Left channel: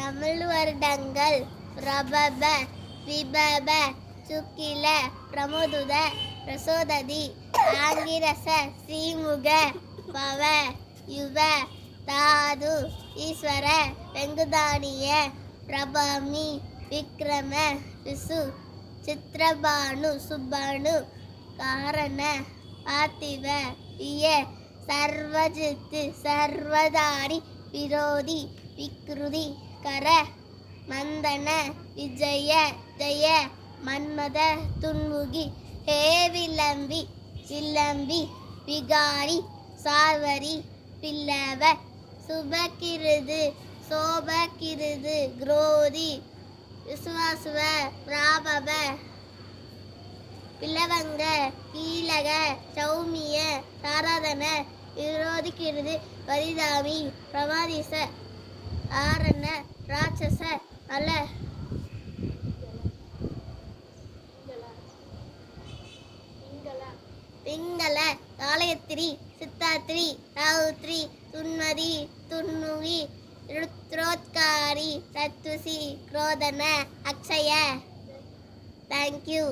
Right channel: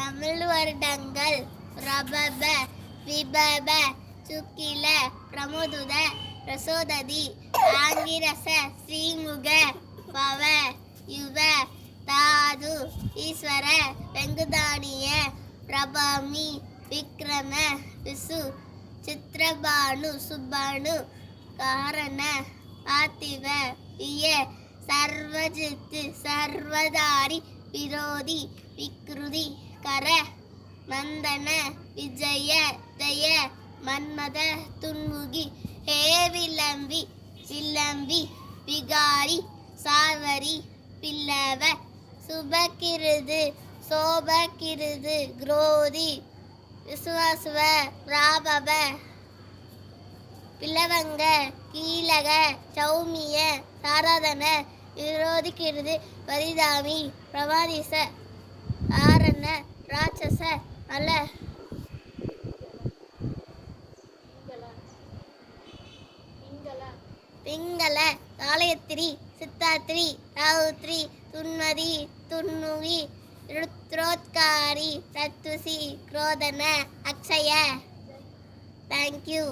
தமிழ் வருடங்கள் பிரபப விபப சுக்கில பிரமோதுத பிரசோததி ஆங்கிரச ஸ்ரீமுக பவ யுவ தாது ஈஸ்வர வெங்குதானிய பிரபாமி விக்ரம விசு சித்ரபானு சுபானு காரண பார்த்திவ இய சர்வஜித்து சர்வதாரி விரோதி விக்ருதி கர மந்தன விஜய ஜய மன்மத துன்முகி ஹே விளம்பி சிலம்பி விகாரி சாவரி பில்லவ சுபகிருது சோபகிருது குரோதி விசுவாசுவ பிராபவ பிளவங்க கீழக சௌமிய சாரதன விரோதிக்கிறது வரிதாமி பிரவாதிச ஆரண ராட்சச அல பிங்கள காலயத்திரி சித்தாத்திரி ராவுத்ரி துன்மதி துன்முகி ருத்ரோத்காரி தத்துசி குரோதன அக்ஷய. தேங்க்யூ.